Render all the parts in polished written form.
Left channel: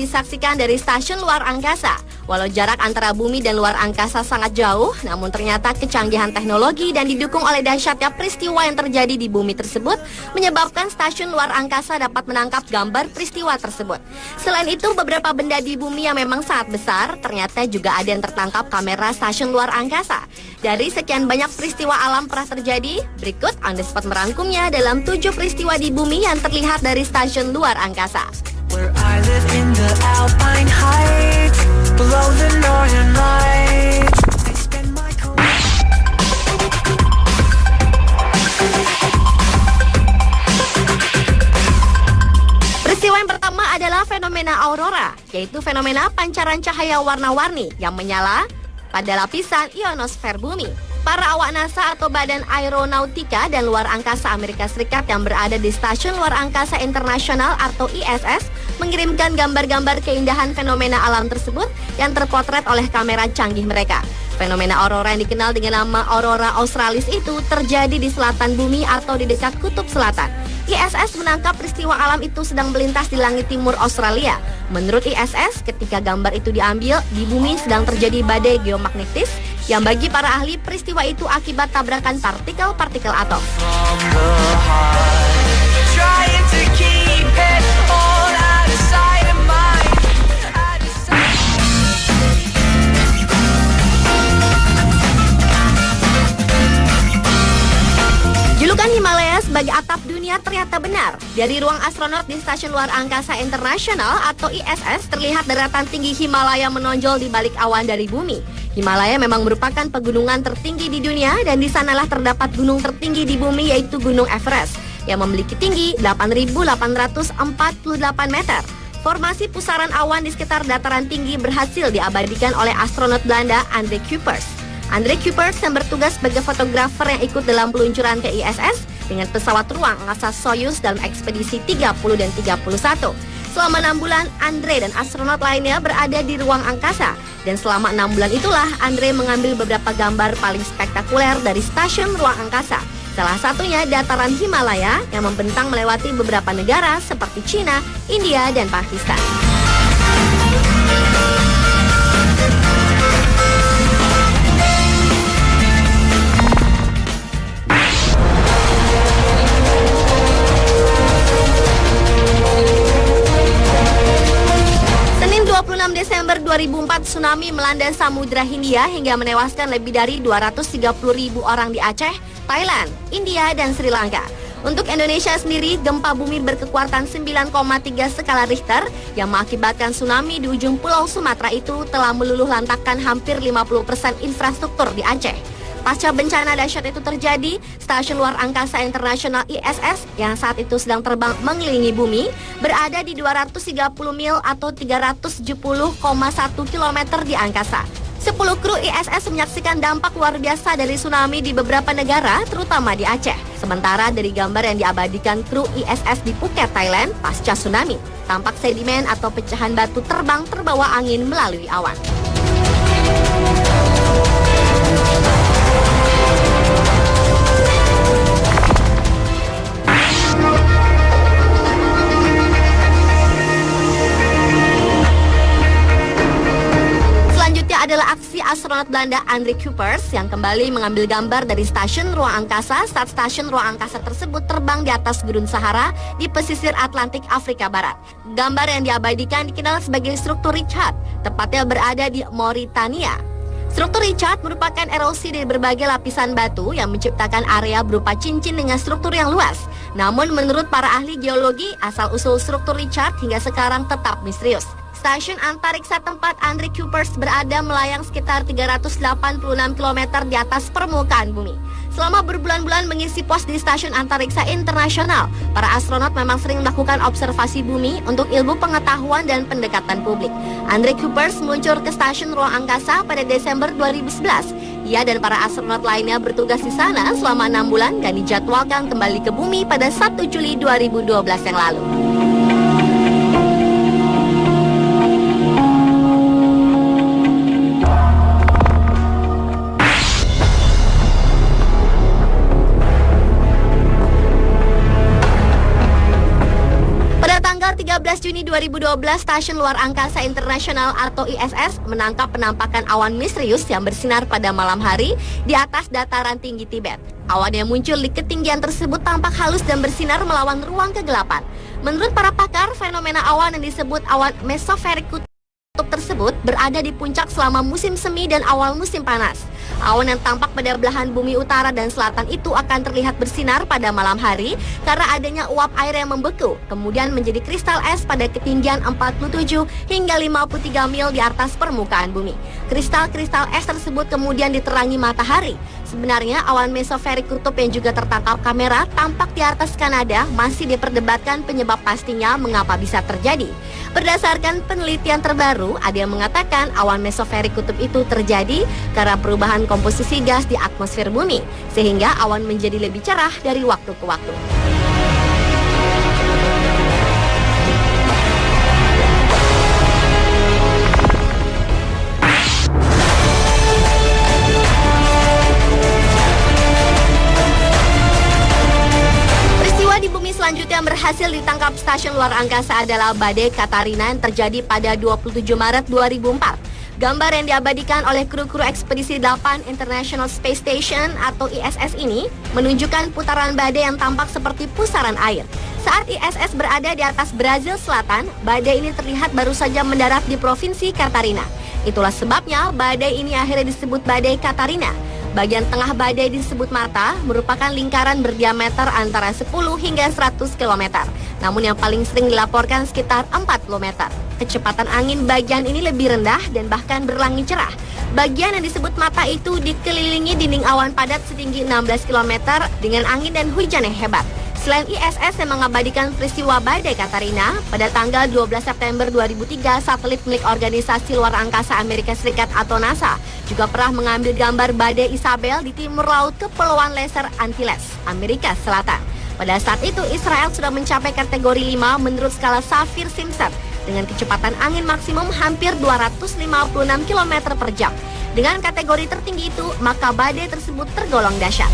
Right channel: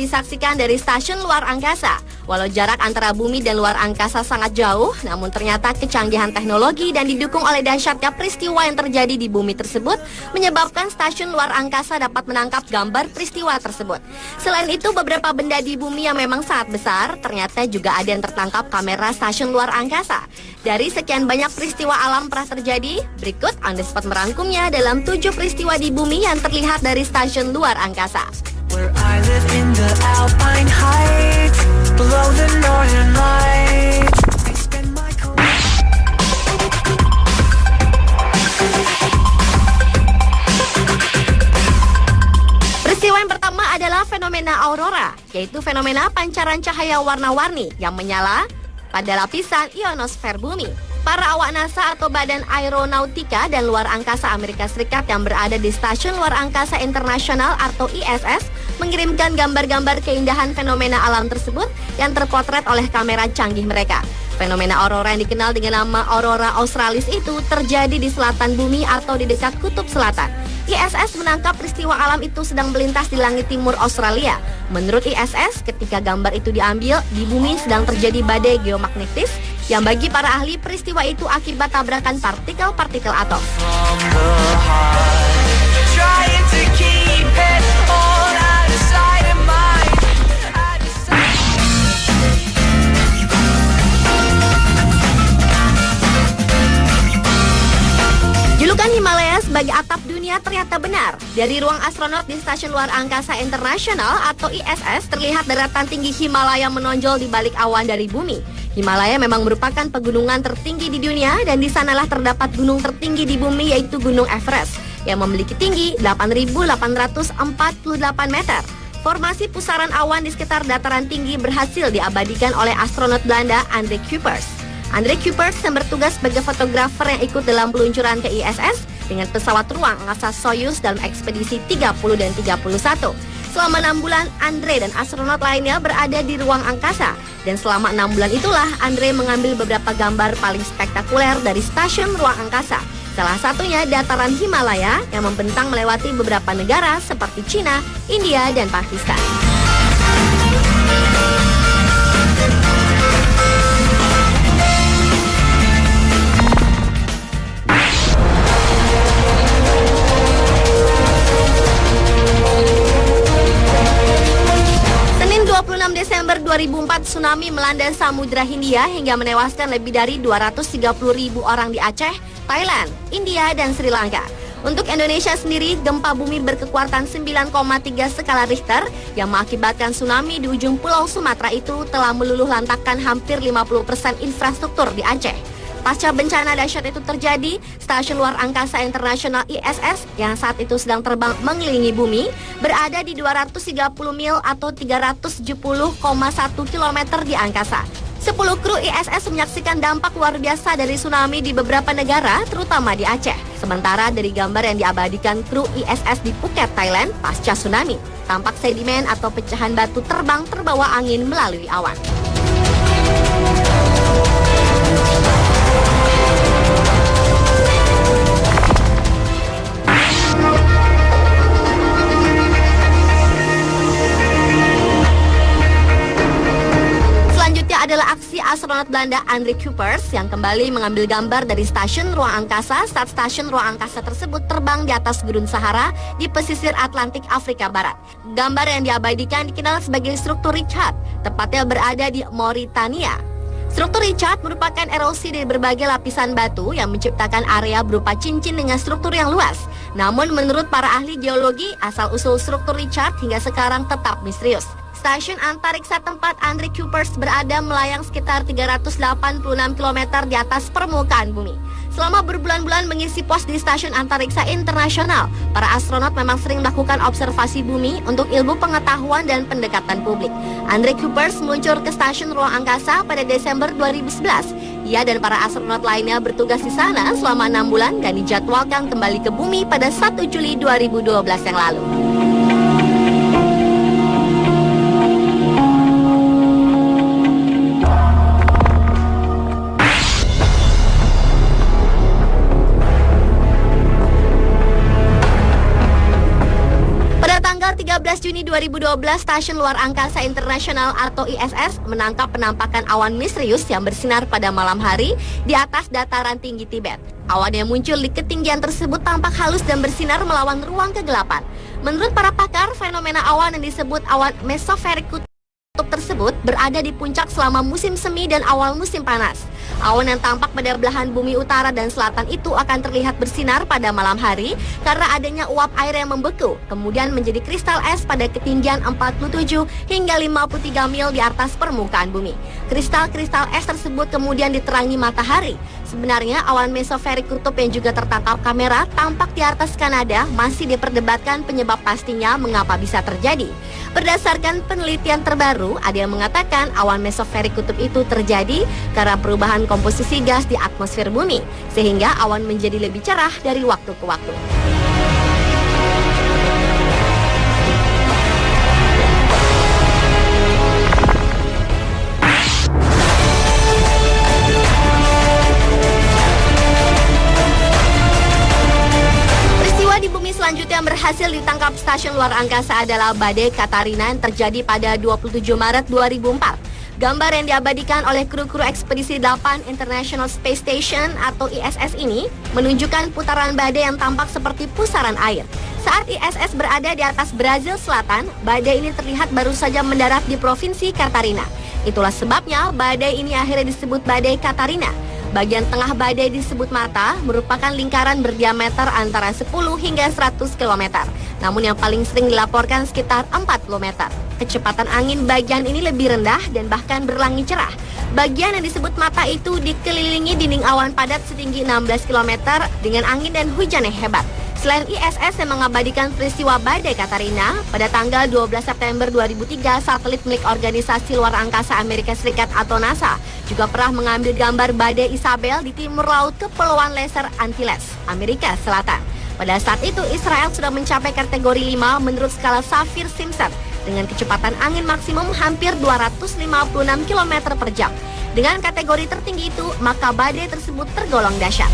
disaksikan dari stasiun luar angkasa. Walau jarak antara bumi dan luar angkasa sangat jauh, namun ternyata kecanggihan teknologi dan didukung oleh dahsyatnya peristiwa yang terjadi di bumi tersebut menyebabkan stasiun luar angkasa dapat menangkap gambar peristiwa tersebut. Selain itu, beberapa benda di bumi yang memang sangat besar, ternyata juga ada yang tertangkap kamera stasiun luar angkasa. Dari sekian banyak peristiwa alam pernah terjadi, berikut On The Spot merangkumnya dalam 7 peristiwa di bumi yang terlihat dari stasiun luar angkasa. Where I live in the Alpine heights, below the northern lights. I spend my career. Peristiwa yang pertama adalah fenomena aurora, yaitu fenomena pancaran cahaya warna-warni yang menyala pada lapisan ionosfer bumi. Para awak NASA atau Badan Aeronautika dan Luar Angkasa Amerika Serikat yang berada di Stasiun Luar Angkasa Internasional atau ISS mengirimkan gambar-gambar keindahan fenomena alam tersebut yang terpotret oleh kamera canggih mereka. Fenomena aurora yang dikenal dengan nama aurora australis itu terjadi di selatan bumi atau di dekat kutub selatan. ISS menangkap peristiwa alam itu sedang melintas di langit timur Australia. Menurut ISS, ketika gambar itu diambil, di bumi sedang terjadi badai geomagnetis yang bagi para ahli peristiwa itu akibat tabrakan partikel-partikel atom. Julukan Himalaya sebagai atap dunia ternyata benar. Dari ruang astronot di Stasiun Luar Angkasa Internasional atau ISS terlihat daratan tinggi Himalaya menonjol di balik awan dari bumi. Himalaya memang merupakan pegunungan tertinggi di dunia dan di sanalah terdapat gunung tertinggi di bumi yaitu Gunung Everest yang memiliki tinggi 8.848 meter. Formasi pusaran awan di sekitar dataran tinggi berhasil diabadikan oleh astronot Belanda André Kuipers. André Kuipers yang bertugas sebagai fotografer yang ikut dalam peluncuran ke ISS dengan pesawat ruang angkasa Soyuz dalam ekspedisi 30 dan 31. Selama 6 bulan, Andre dan astronot lainnya berada di ruang angkasa. Dan selama 6 bulan itulah, Andre mengambil beberapa gambar paling spektakuler dari stasiun ruang angkasa. Salah satunya dataran Himalaya yang membentang melewati beberapa negara seperti China, India, dan Pakistan. Desember 2004, tsunami melanda Samudra Hindia hingga menewaskan lebih dari 230.000 orang di Aceh, Thailand, India, dan Sri Lanka. Untuk Indonesia sendiri, gempa bumi berkekuatan 9,3 skala Richter yang mengakibatkan tsunami di ujung pulau Sumatera itu telah meluluh lantakkan hampir 50% infrastruktur di Aceh. Pasca bencana dahsyat itu terjadi, Stasiun Luar Angkasa Internasional ISS yang saat itu sedang terbang mengelilingi bumi berada di 230 mil atau 370,1 km di angkasa. 10 kru ISS menyaksikan dampak luar biasa dari tsunami di beberapa negara, terutama di Aceh. Sementara dari gambar yang diabadikan kru ISS di Phuket, Thailand, pasca tsunami, tampak sedimen atau pecahan batu terbang terbawa angin melalui awan. Adalah aksi astronot Belanda André Kuipers yang kembali mengambil gambar dari stasiun ruang angkasa saat stasiun ruang angkasa tersebut terbang di atas Gurun Sahara di pesisir Atlantik Afrika Barat. Gambar yang diabadikan dikenal sebagai struktur Richard, tepatnya berada di Mauritania. Struktur Richard merupakan erosi dari berbagai lapisan batu yang menciptakan area berupa cincin dengan struktur yang luas. Namun menurut para ahli geologi, asal-usul struktur Richard hingga sekarang tetap misterius. Stasiun antariksa tempat André Kuipers berada melayang sekitar 386 km di atas permukaan bumi. Selama berbulan-bulan mengisi pos di Stasiun Antariksa Internasional, para astronot memang sering melakukan observasi bumi untuk ilmu pengetahuan dan pendekatan publik. André Kuipers meluncur ke Stasiun Ruang Angkasa pada Desember 2011. Ia dan para astronot lainnya bertugas di sana selama 6 bulan dan dijadwalkan kembali ke bumi pada 1 Juli 2012 yang lalu. 13 Juni 2012, Stasiun Luar Angkasa Internasional atau ISS menangkap penampakan awan misterius yang bersinar pada malam hari di atas dataran tinggi Tibet. Awan yang muncul di ketinggian tersebut tampak halus dan bersinar melawan ruang kegelapan. Menurut para pakar, fenomena awan yang disebut awan mesosferik kutub tersebut berada di puncak selama musim semi dan awal musim panas. Awan yang tampak pada belahan bumi utara dan selatan itu akan terlihat bersinar pada malam hari karena adanya uap air yang membeku, kemudian menjadi kristal es pada ketinggian 47 hingga 53 mil di atas permukaan bumi. Kristal-kristal es tersebut kemudian diterangi matahari. Sebenarnya awan mesosferik kutub yang juga tertangkap kamera tampak di atas Kanada masih diperdebatkan penyebab pastinya mengapa bisa terjadi. Berdasarkan penelitian terbaru, ada yang mengatakan awan mesosferik kutub itu terjadi karena perubahan komposisi gas di atmosfer bumi, sehingga awan menjadi lebih cerah dari waktu ke waktu. Di bumi selanjutnya yang berhasil ditangkap Stasiun Luar Angkasa adalah badai Katarina yang terjadi pada 27 Maret 2004. Gambar yang diabadikan oleh kru-kru ekspedisi 8 International Space Station atau ISS ini menunjukkan putaran badai yang tampak seperti pusaran air. Saat ISS berada di atas Brazil Selatan, badai ini terlihat baru saja mendarat di Provinsi Katarina. Itulah sebabnya badai ini akhirnya disebut badai Katarina. Bagian tengah badai disebut mata, merupakan lingkaran berdiameter antara 10 hingga 100 km. Namun yang paling sering dilaporkan sekitar 40 meter. Kecepatan angin bagian ini lebih rendah dan bahkan berlangit cerah. Bagian yang disebut mata itu dikelilingi dinding awan padat setinggi 16 km dengan angin dan hujan yang hebat. Selain ISS yang mengabadikan peristiwa badai Katarina, pada tanggal 12 September 2003, satelit milik Organisasi Luar Angkasa Amerika Serikat atau NASA juga pernah mengambil gambar badai Isabel di timur laut Kepulauan Lesser Antilles, Amerika Selatan. Pada saat itu, Israel sudah mencapai kategori 5 menurut skala Saffir-Simpson dengan kecepatan angin maksimum hampir 256 km per jam. Dengan kategori tertinggi itu, maka badai tersebut tergolong dahsyat.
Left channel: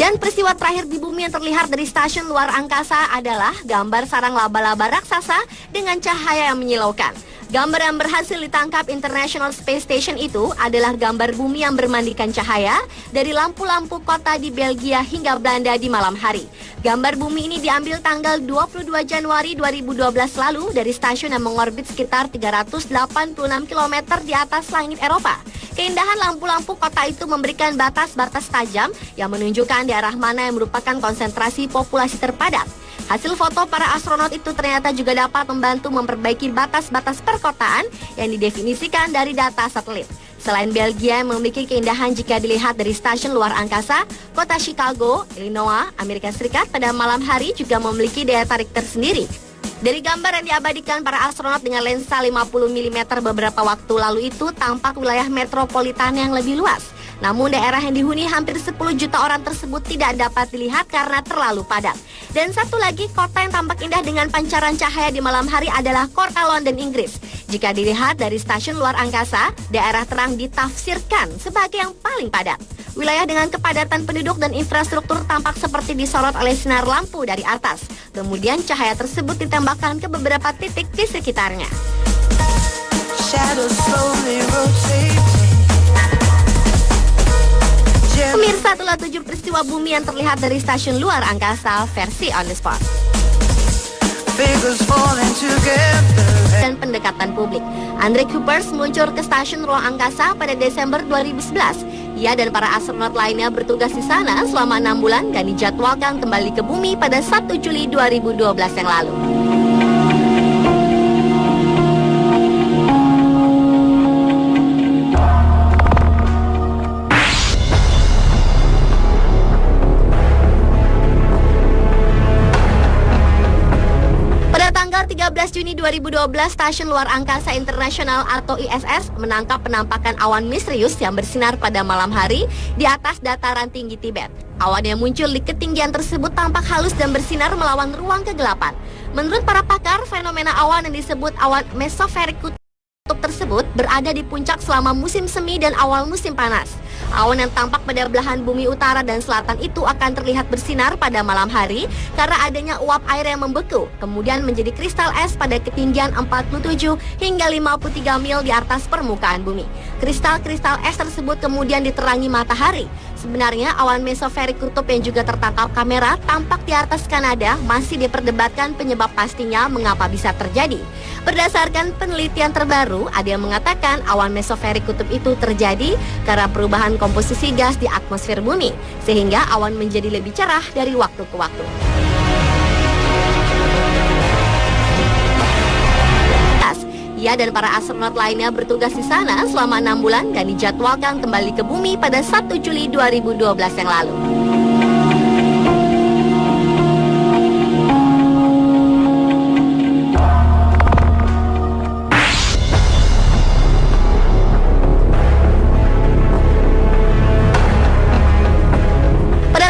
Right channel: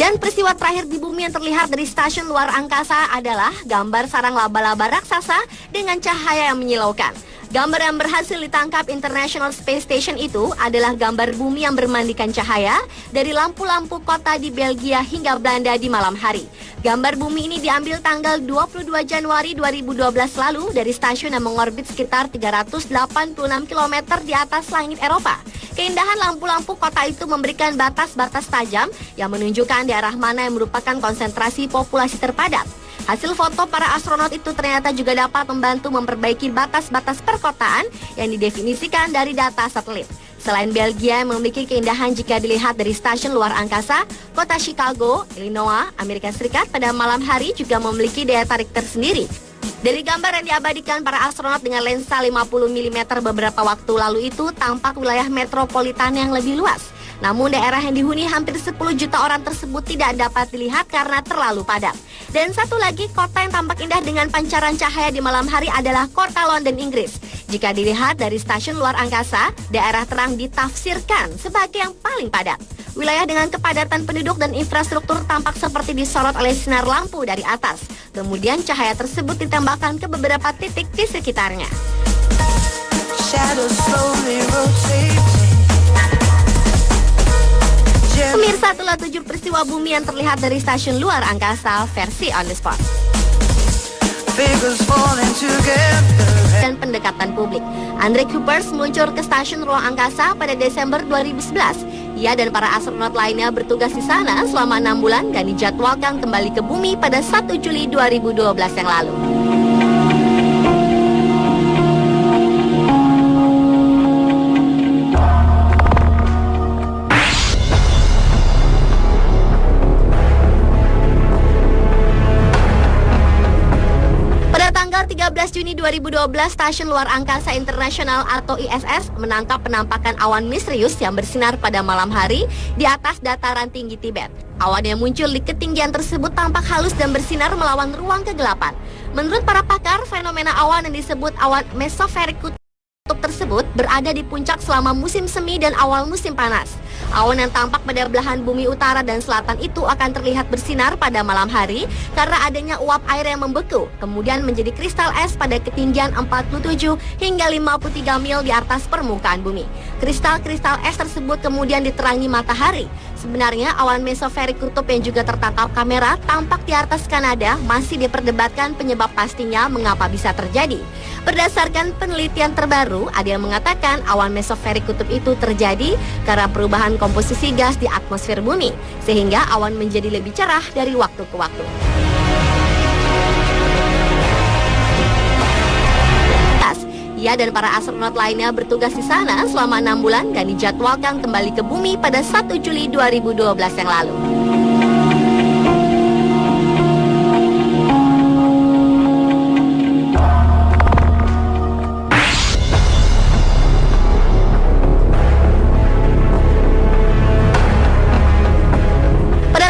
Dan peristiwa terakhir di bumi yang terlihat dari Stasiun Luar Angkasa adalah gambar sarang laba-laba raksasa dengan cahaya yang menyilaukan. Gambar yang berhasil ditangkap International Space Station itu adalah gambar bumi yang bermandikan cahaya dari lampu-lampu kota di Belgia hingga Belanda di malam hari. Gambar bumi ini diambil tanggal 22 Januari 2012 lalu dari stasiun yang mengorbit sekitar 386 km di atas langit Eropa. Keindahan lampu-lampu kota itu memberikan batas-batas tajam yang menunjukkan daerah mana yang merupakan konsentrasi populasi terpadat. Hasil foto para astronot itu ternyata juga dapat membantu memperbaiki batas-batas perkotaan yang didefinisikan dari data satelit. Selain Belgia yang memiliki keindahan jika dilihat dari Stasiun Luar Angkasa, kota Chicago, Illinois, Amerika Serikat pada malam hari juga memiliki daya tarik tersendiri. Dari gambar yang diabadikan para astronot dengan lensa 50 mm beberapa waktu lalu itu, tampak wilayah metropolitan yang lebih luas. Namun daerah yang dihuni hampir 10 juta orang tersebut tidak dapat dilihat karena terlalu padat. Dan satu lagi kota yang tampak indah dengan pancaran cahaya di malam hari adalah kota London, Inggris. Jika dilihat dari Stasiun Luar Angkasa, daerah terang ditafsirkan sebagai yang paling padat. Wilayah dengan kepadatan penduduk dan infrastruktur tampak seperti disorot oleh sinar lampu dari atas. Kemudian cahaya tersebut ditembakkan ke beberapa titik di sekitarnya. Pemirsa, itulah 7 peristiwa bumi yang terlihat dari Stasiun Luar Angkasa versi on the spot. Dan pendekatan publik. Andre Kuipers meluncur ke Stasiun Ruang Angkasa pada Desember 2011. Ia dan para astronot lainnya bertugas di sana selama 6 bulan dan dijadwalkan kembali ke bumi pada 1 Juli 2012 yang lalu. 13 Juni 2012, Stasiun Luar Angkasa Internasional atau ISS menangkap penampakan awan misterius yang bersinar pada malam hari di atas dataran tinggi Tibet. Awan yang muncul di ketinggian tersebut tampak halus dan bersinar melawan ruang kegelapan. Menurut para pakar, fenomena awan yang disebut awan mesosferik kutub tersebut berada di puncak selama musim semi dan awal musim panas. Awan yang tampak pada belahan bumi utara dan selatan itu akan terlihat bersinar pada malam hari karena adanya uap air yang membeku, kemudian menjadi kristal es pada ketinggian 47 hingga 53 mil di atas permukaan bumi. Kristal-kristal es tersebut kemudian diterangi matahari. Sebenarnya awan mesosferik kutub yang juga tertangkap kamera tampak di atas Kanada masih diperdebatkan penyebab pastinya mengapa bisa terjadi. Berdasarkan penelitian terbaru, ada yang mengatakan awan mesosferik kutub itu terjadi karena perubahan komposisi gas di atmosfer bumi, sehingga awan menjadi lebih cerah dari waktu ke waktu. Ia dan para astronot lainnya bertugas di sana selama 6 bulan dan dijadwalkan kembali ke bumi pada 1 Juli 2012 yang lalu.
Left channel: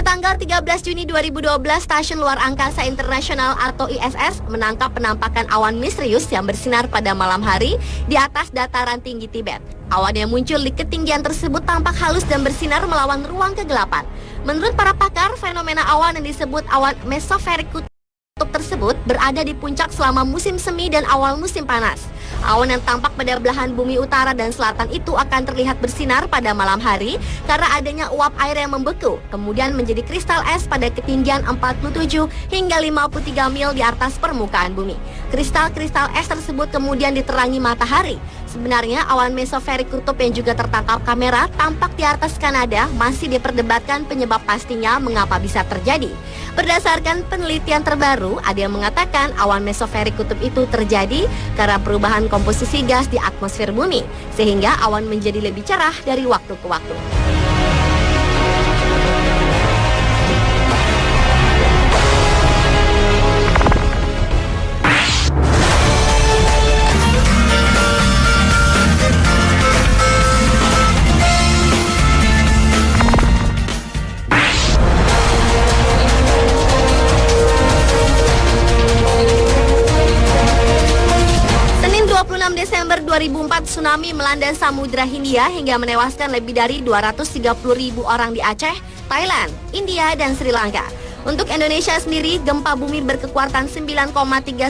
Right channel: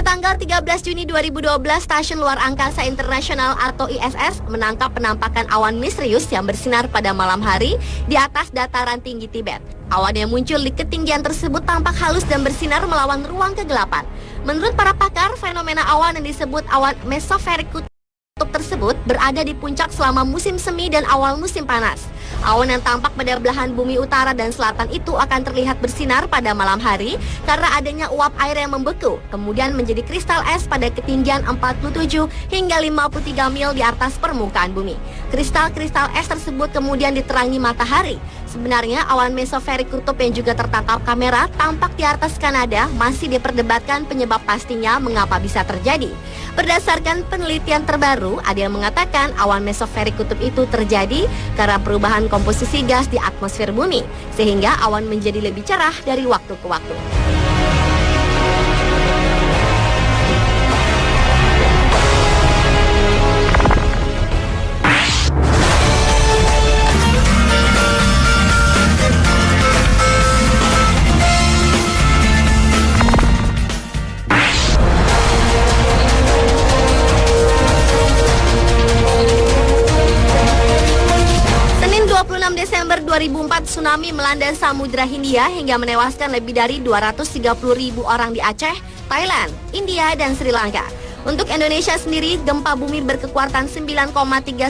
Tanggal 13 Juni 2012, Stasiun Luar Angkasa Internasional atau ISS menangkap penampakan awan misterius yang bersinar pada malam hari di atas dataran tinggi Tibet. Awan yang muncul di ketinggian tersebut tampak halus dan bersinar melawan ruang kegelapan. Menurut para pakar, fenomena awan yang disebut awan mesosferik kutub tersebut berada di puncak selama musim semi dan awal musim panas. Awan yang tampak pada belahan bumi utara dan selatan itu akan terlihat bersinar pada malam hari karena adanya uap air yang membeku, kemudian menjadi kristal es pada ketinggian 47 hingga 53 mil di atas permukaan bumi. Kristal-kristal es tersebut kemudian diterangi matahari. Sebenarnya awan mesosferik kutub yang juga tertangkap kamera tampak di atas Kanada masih diperdebatkan penyebab pastinya mengapa bisa terjadi. Berdasarkan penelitian terbaru, ada yang mengatakan awan mesosferik kutub itu terjadi karena perubahan komposisi gas di atmosfer bumi, sehingga awan menjadi lebih cerah dari waktu ke waktu. Desember 2004, tsunami melanda Samudra Hindia hingga menewaskan lebih dari 230.000 orang di Aceh, Thailand, India, dan Sri Lanka. Untuk Indonesia sendiri, gempa bumi berkekuatan 9,3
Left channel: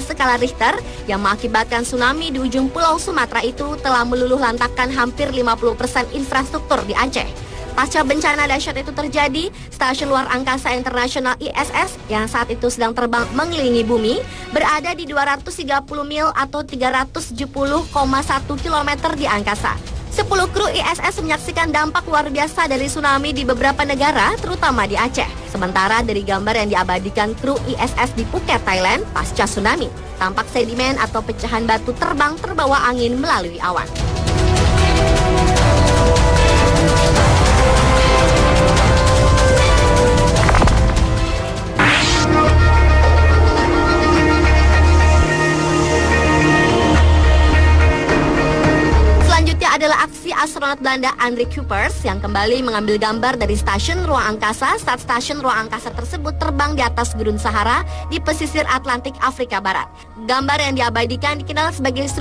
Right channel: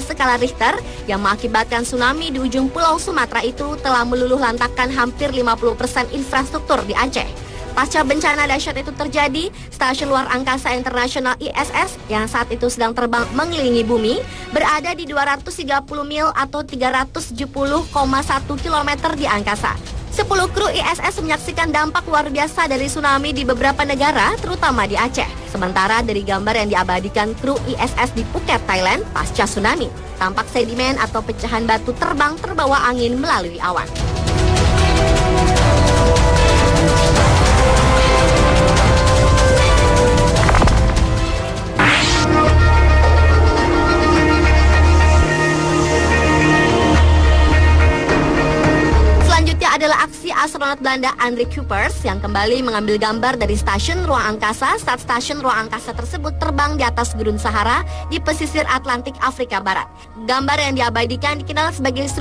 skala Richter yang mengakibatkan tsunami di ujung pulau Sumatera itu telah meluluh lantakkan hampir 50% infrastruktur di Aceh. Pasca bencana dahsyat itu terjadi, Stasiun Luar Angkasa Internasional ISS yang saat itu sedang terbang mengelilingi bumi berada di 230 mil atau 370,1 km di angkasa. 10 kru ISS menyaksikan dampak luar biasa dari tsunami di beberapa negara, terutama di Aceh. Sementara dari gambar yang diabadikan kru ISS di Phuket, Thailand, pasca tsunami, tampak sedimen atau pecahan batu terbang terbawa angin melalui awan. Adalah aksi astronot Belanda André Kuipers yang kembali mengambil gambar dari stasiun ruang angkasa saat stasiun ruang angkasa tersebut terbang di atas Gurun Sahara di pesisir Atlantik Afrika Barat. Gambar yang diabadikan dikenal sebagai